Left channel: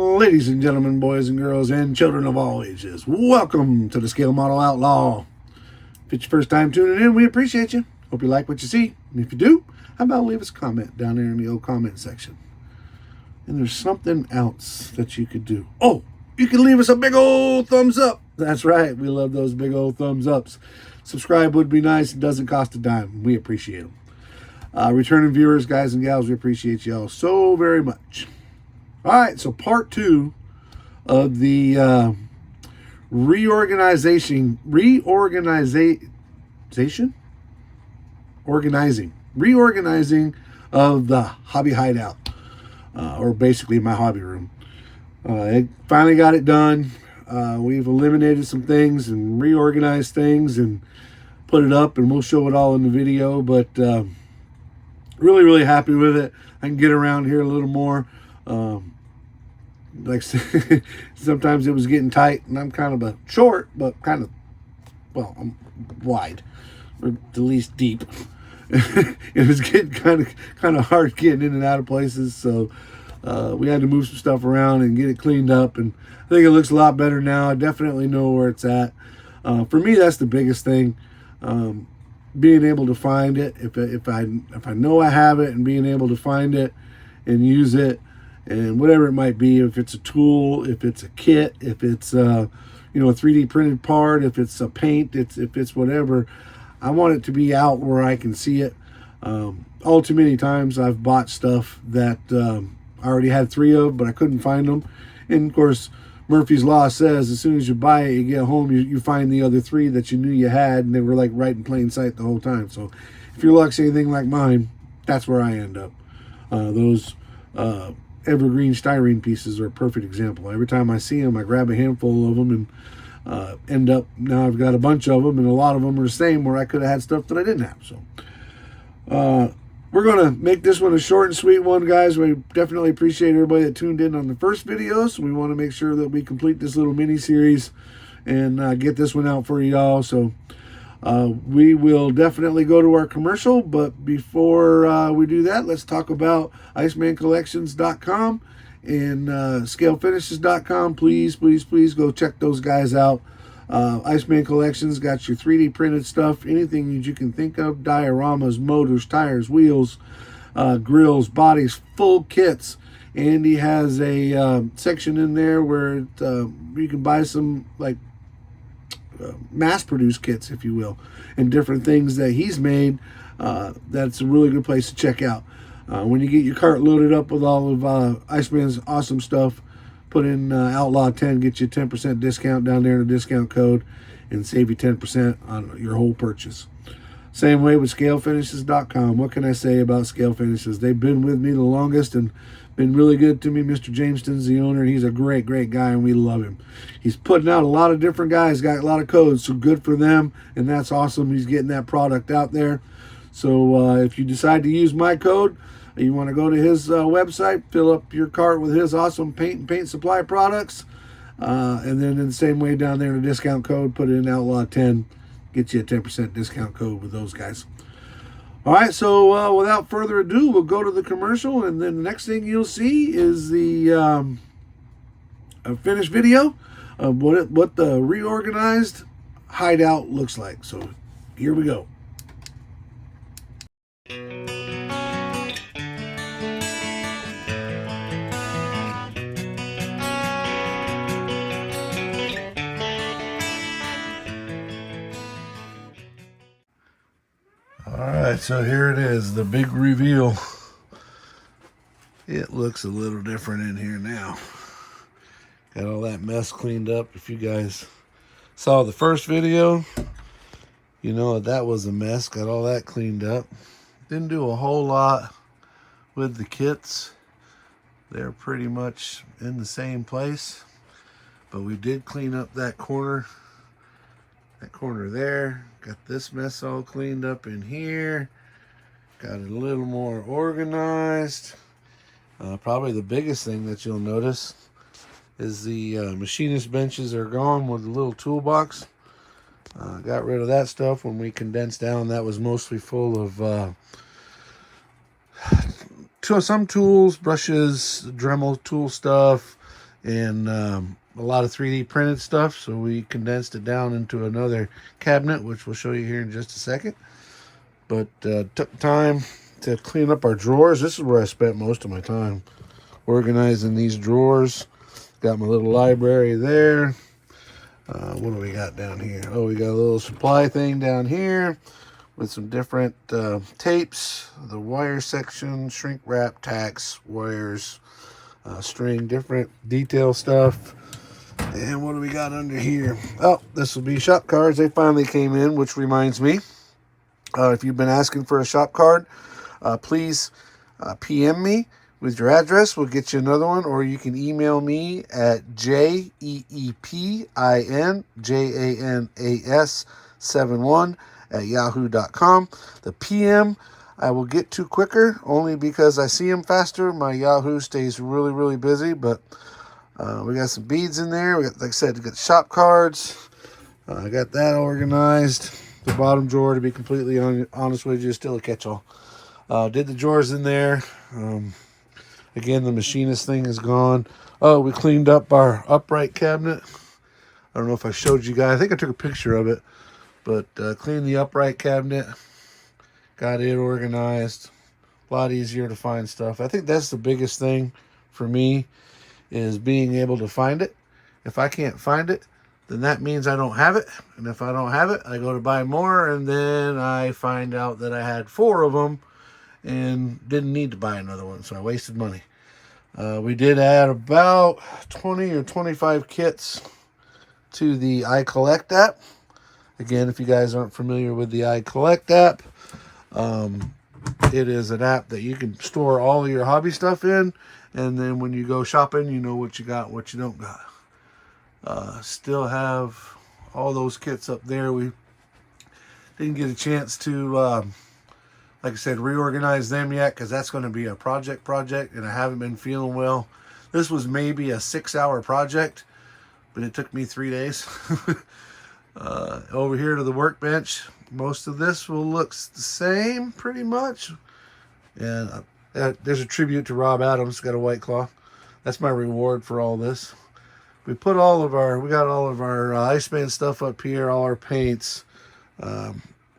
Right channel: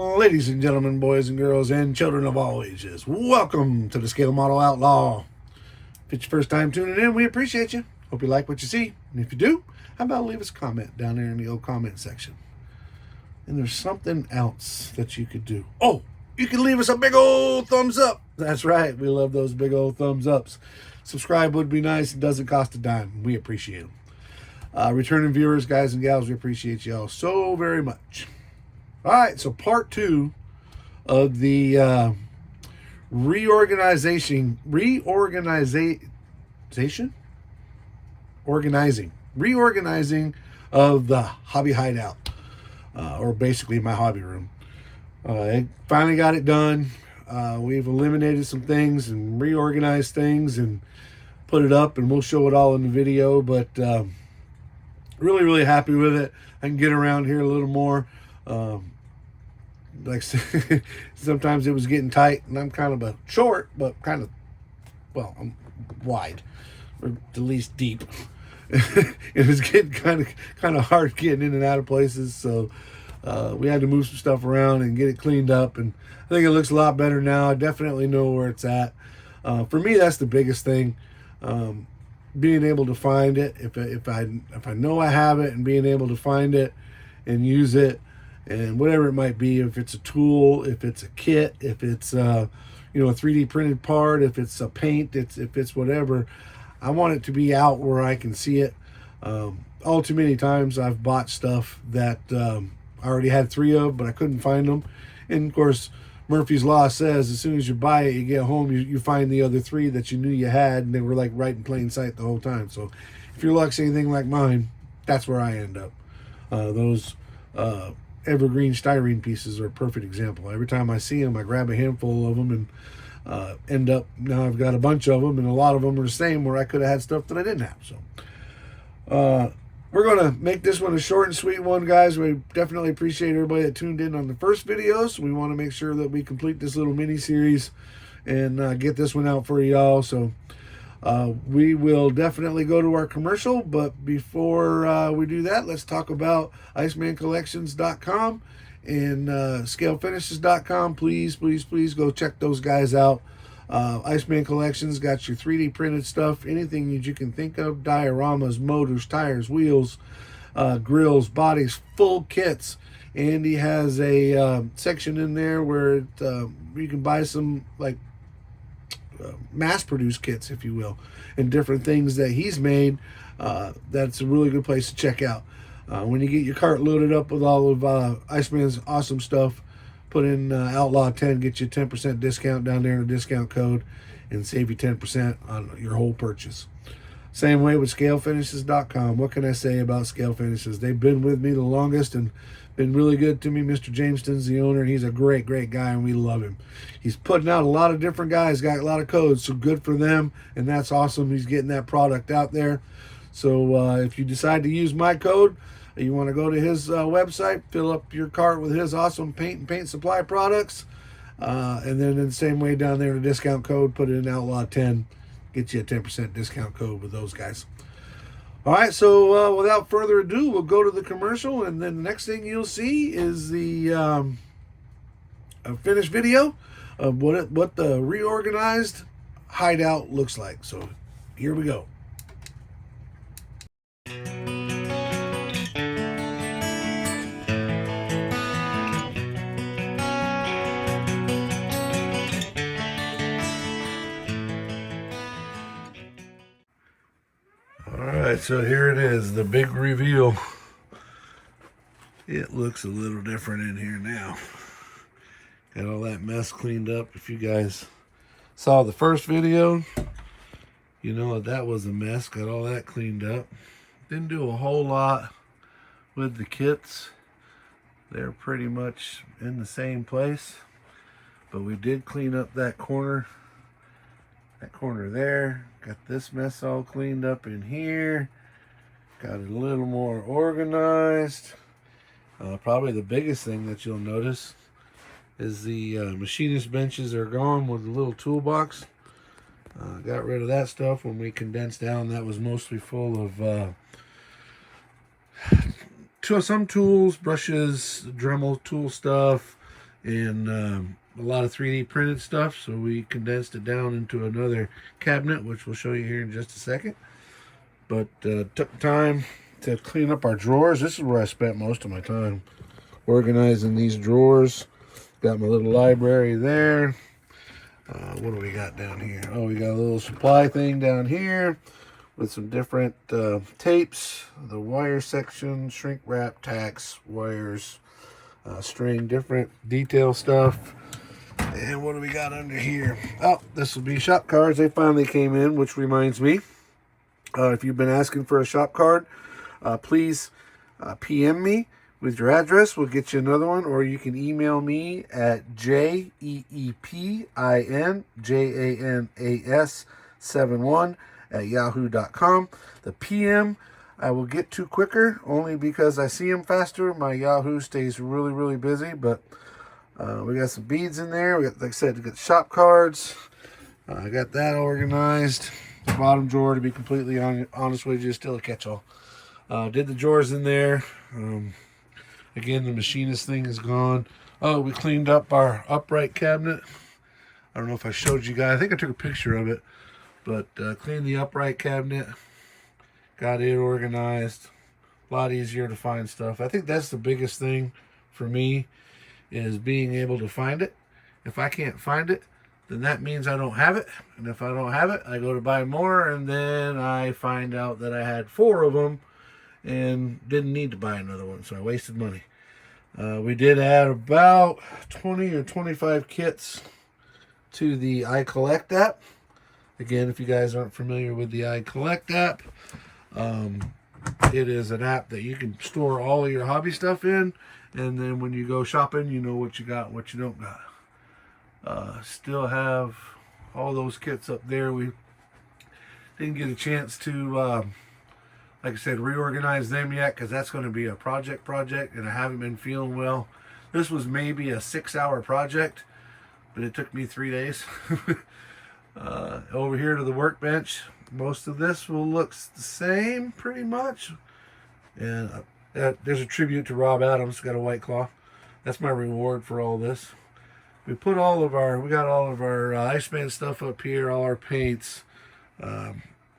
Ladies and gentlemen, boys and girls, and children of all ages, welcome to the Scale Model Outlaw. If it's your first time tuning in, we appreciate you. Hope you like what you see. And if you do, how about leave us a comment down there in the old comment section. And there's something else that you could do. Oh, you can leave us a big old thumbs up. That's right. We love those big old thumbs ups. Subscribe would be nice. It doesn't cost a dime. We appreciate them. Returning viewers, guys and gals, we appreciate y'all so very much. All right, so part 2 of the reorganizing of the hobby hideout, or basically my hobby room. I finally got it done. We've eliminated some things and reorganized things and put it up, and we'll show it all in the video, but really happy with it. I can get around here a little more. Like sometimes it was getting tight, and I'm kind of a short, but kind of, well, I'm wide, or at least deep. It was getting kind of hard getting in and out of places, so we had to move some stuff around and get it cleaned up, and I think it looks a lot better now. I definitely know where it's at. For me, that's the biggest thing. Being able to find it, if I know I have it, and being able to find it and use it, and whatever it might be, if it's a tool, if it's a kit, if it's a 3D printed part, if it's a paint, if it's whatever, I want it to be out where I can see it. All too many times I've bought stuff that I already had 3 of, but I couldn't find them. And of course, Murphy's Law says as soon as you buy it, you get home, you find the other 3 that you knew you had, and they were like right in plain sight the whole time. So if your luck's anything like mine, that's where I end up. Those evergreen styrene pieces are a perfect example. Every time I see them, I grab a handful of them and end up, now I've got a bunch of them, and a lot of them are the same where I could have had stuff that I didn't have. So we're going to make this one a short and sweet one, guys. We definitely appreciate everybody that tuned in on the first video, so we want to make sure that we complete this little mini series and get this one out for y'all. So we will definitely go to our commercial, but before we do that, let's talk about IcemanCollections.com and ScaleFinishes.com. Please go check those guys out. Iceman Collections got your 3D printed stuff, anything that you can think of, dioramas, motors, tires, wheels, grills, bodies, full kits. Andy has a section in there where you can buy some like mass-produced kits, if you will, and different things that he's made. That's a really good place to check out. When you get your cart loaded up with all of Iceman's awesome stuff, put in Outlaw 10, get you a 10% discount down there in the discount code, and save you 10% on your whole purchase. Same way with ScaleFinishes.com. What can I say about Scale Finishes? They've been with me the longest and been really good to me. Mr. Jameston's the owner, and he's a great guy, and we love him. He's putting out a lot of different guys, got a lot of codes, so good for them, and that's awesome. He's getting that product out there. So if you decide to use my code, you want to go to his website, fill up your cart with his awesome paint and paint supply products, and then in the same way down there in the discount code, put in Outlaw 10, get you a 10% discount code with those guys. All right, so without further ado, we'll go to the commercial, and then the next thing you'll see is the finished video of what the reorganized hideout looks like. So here we go. Alright, so here it is, the big reveal. It looks a little different in here now. Got all that mess cleaned up. If you guys saw the first video, you know that was a mess. Got all that cleaned up. Didn't do a whole lot with the kits. They're pretty much in the same place. But we did clean up that corner. That corner there. Got this mess all cleaned up in here. Got it a little more organized. Probably the biggest thing that you'll notice is the machinist benches are gone with the little toolbox. Got rid of that stuff when we condensed down. That was mostly full of some tools, brushes, Dremel tool stuff, and a lot of 3D printed stuff. So we condensed it down into another cabinet, which we'll show you here in just a second. But took time to clean up our drawers. This is where I spent most of my time, organizing these drawers. Got my little library there. What do we got down here? Oh, we got a little supply thing down here with some different tapes, the wire section, shrink wrap, tacks, wires, string, different detail stuff. And what do we got under here? Oh, this will be shop cards. They finally came in, which reminds me, if you've been asking for a shop card, please PM me with your address. We'll get you another one, or you can email me at jeepinjanas71@yahoo.com. The PM I will get to quicker, only because I see them faster. My Yahoo stays really, really busy, but we got some beads in there. We got, like I said, we got shop cards. I got that organized. The bottom drawer, to be completely honest with you, is still a catch-all. Did the drawers in there. Again, the machinist thing is gone. Oh, we cleaned up our upright cabinet. I don't know if I showed you guys. I think I took a picture of it. But cleaned the upright cabinet. Got it organized. A lot easier to find stuff. I think that's the biggest thing for me, is being able to find it. If I can't find it, then that means I don't have it. And if I don't have it, I go to buy more, and then I find out that I had 4 of them and didn't need to buy another one, so I wasted money. We did add about 20 or 25 kits to the iCollect app. Again, if you guys aren't familiar with the iCollect app, it is an app that you can store all of your hobby stuff in, and then when you go shopping, you know what you got and what you don't got. Still have all those kits up there. We didn't get a chance to, like I said, reorganize them yet, because that's going to be a project, and I haven't been feeling well. This was maybe a 6-hour project, but it took me 3 days. Over here to the workbench, most of this will look the same pretty much. And there's a tribute to Rob Adams, got a white cloth. That's my reward for all this. We got all of our Iceman stuff up here, all our paints,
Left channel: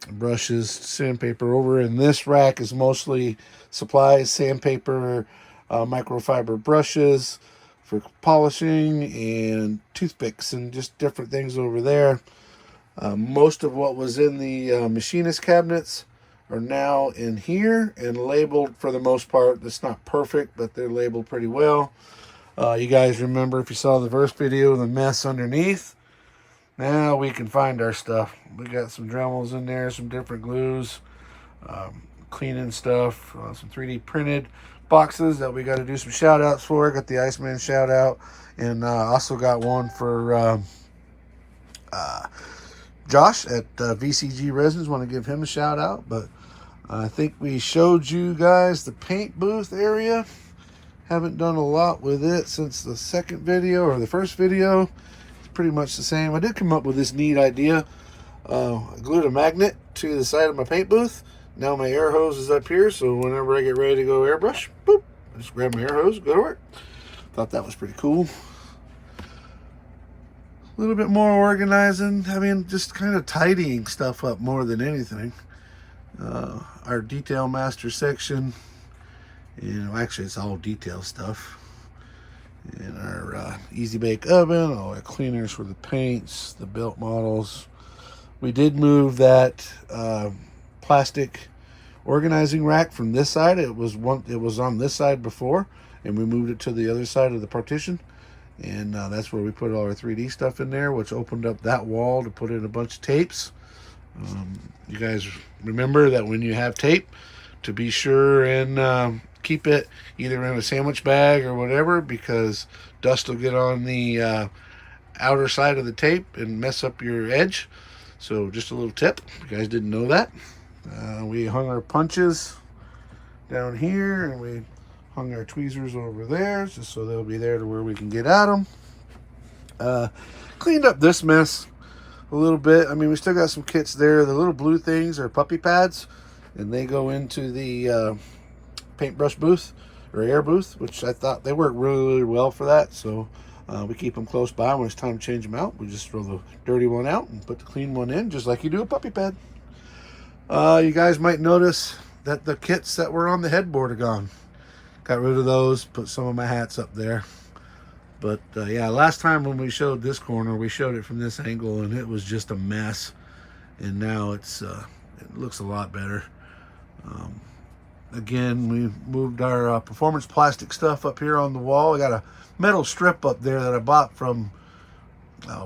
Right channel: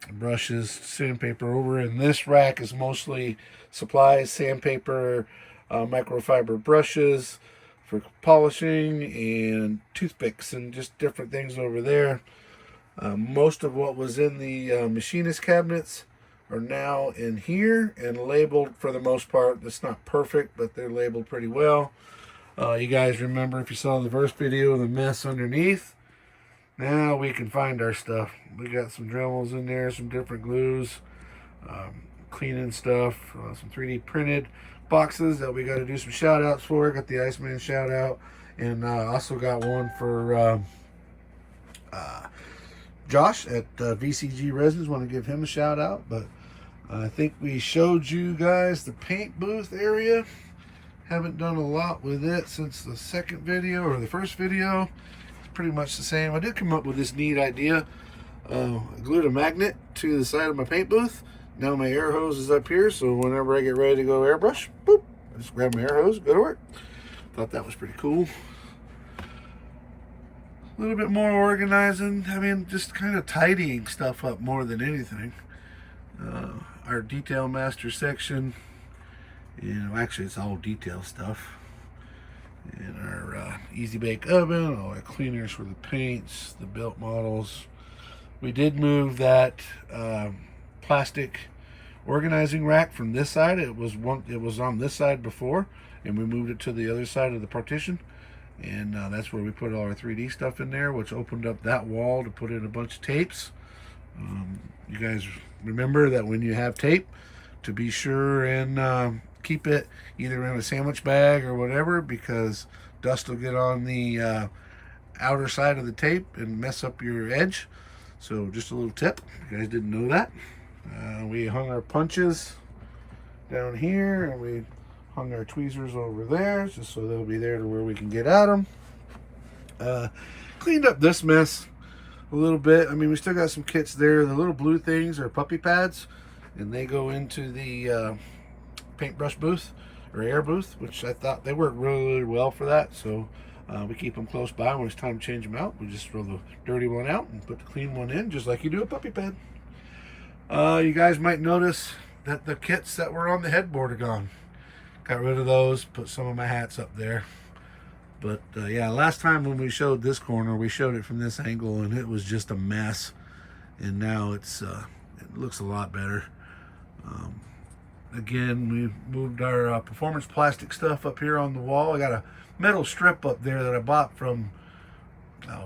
brushes, sandpaper. Over in this rack is mostly supplies, sandpaper, microfiber brushes for polishing, and toothpicks, and just different things over there. Most of what was in the machinist cabinets are now in here and labeled for the most part. It's not perfect, but they're labeled pretty well. You guys remember, if you saw the first video, the mess underneath. Now we can find our stuff. We got some Dremels in there, some different glues, cleaning stuff, some 3D printed boxes that we got to do some shout outs for. Got the Iceman shout out, and also got one for Josh at VCG Resins. Want to give him a shout out. But I think we showed you guys the paint booth area. Haven't done a lot with it since the second video, or the first video. It's pretty much the same. I did come up with this neat idea. I glued a magnet to the side of my paint booth. Now my air hose is up here, so whenever I get ready to go airbrush, boop, I just grab my air hose, go to work. Thought that was pretty cool. A little bit more organizing. I mean, just kind of tidying stuff up more than anything. Our detail master section, actually it's all detail stuff. And our easy bake oven, all our cleaners for the paints, the belt models. We did move that plastic organizing rack from this side. It was on this side before, and we moved it to the other side of the partition. And that's where we put all our 3D stuff in there, which opened up that wall to put in a bunch of tapes. You guys remember that when you have tape, to be sure and keep it either in a sandwich bag or whatever, because dust will get on the outer side of the tape and mess up your edge. So just a little tip, if you guys didn't know that. We hung our punches down here, and we hung our tweezers over there, just so they'll be there to where we can get at them. Cleaned up this mess a little bit. I mean, we still got some kits there. The little blue things are puppy pads, and they go into the paintbrush booth or air booth, which I thought they work really, really well for that. So We keep them close by. When it's time to change them out, we just throw the dirty one out and put the clean one in, just like you do a puppy pad. You guys might notice that the kits that were on the headboard are gone. Got rid of those, put some of my hats up there. But yeah, last time when we showed this corner, we showed it from this angle and it was just a mess. And now it looks a lot better. Again, we moved our performance plastic stuff up here on the wall. I got a metal strip up there that I bought from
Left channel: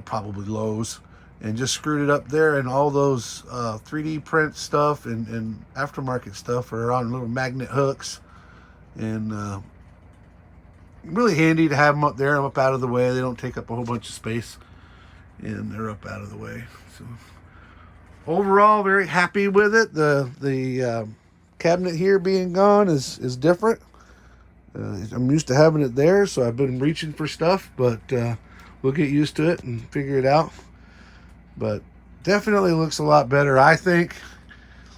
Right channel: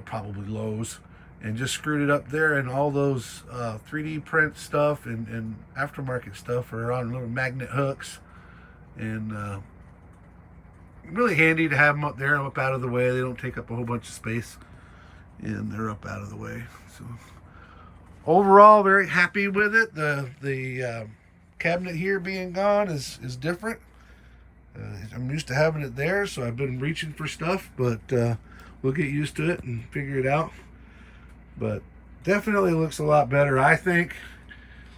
probably Lowe's, and just screwed it up there, and all those 3D print stuff and aftermarket stuff are on little magnet hooks, and really handy to have them up there, up out of the way. They don't take up a whole bunch of space, and they're up out of the way. So overall, very happy with it. The cabinet here being gone is different. I'm used to having it there, so I've been reaching for stuff, but we'll get used to it and figure it out. But definitely looks a lot better, I think.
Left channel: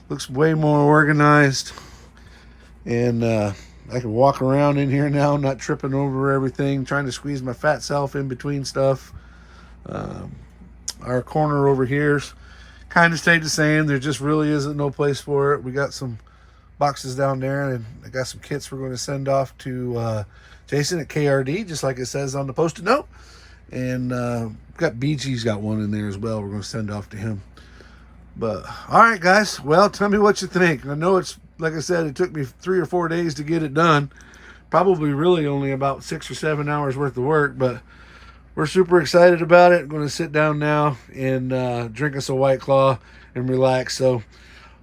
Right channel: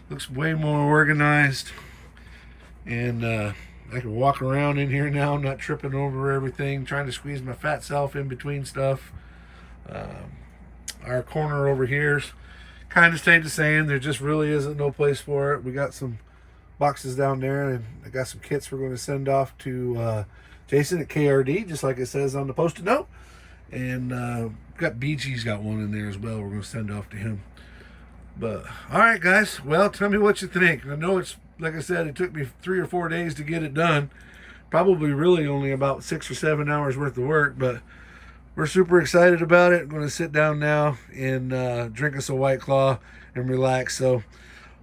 Looks way more organized, and I can walk around in here now, not tripping over everything, trying to squeeze my fat self in between stuff. Our corner over here's kind of stayed the same. There just really isn't no place for it. We got some boxes down there, and I got some kits we're going to send off to Jason at KRD, just like it says on the post-it note. And got BG's got one in there as well we're going to send off to him. But all right, guys, well, tell me what you think. I know it's, like I said, it took me 3 or 4 days to get it done. Probably really only about 6 or 7 hours worth of work, but we're super excited about it. I'm going to sit down now and drink us a White Claw and relax. So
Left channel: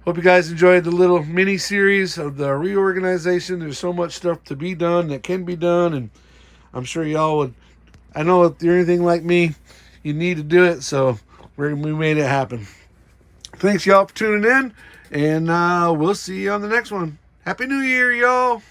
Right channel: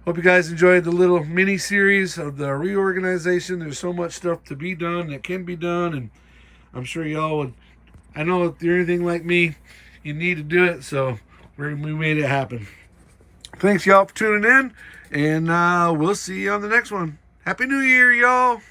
hope you guys enjoyed the little mini series of the reorganization. There's so much stuff to be done that can be done, and I'm sure y'all would. I know if you're anything like me, you need to do it, so we made it happen. Thanks, y'all, for tuning in, and we'll see you on the next one. Happy New Year, y'all.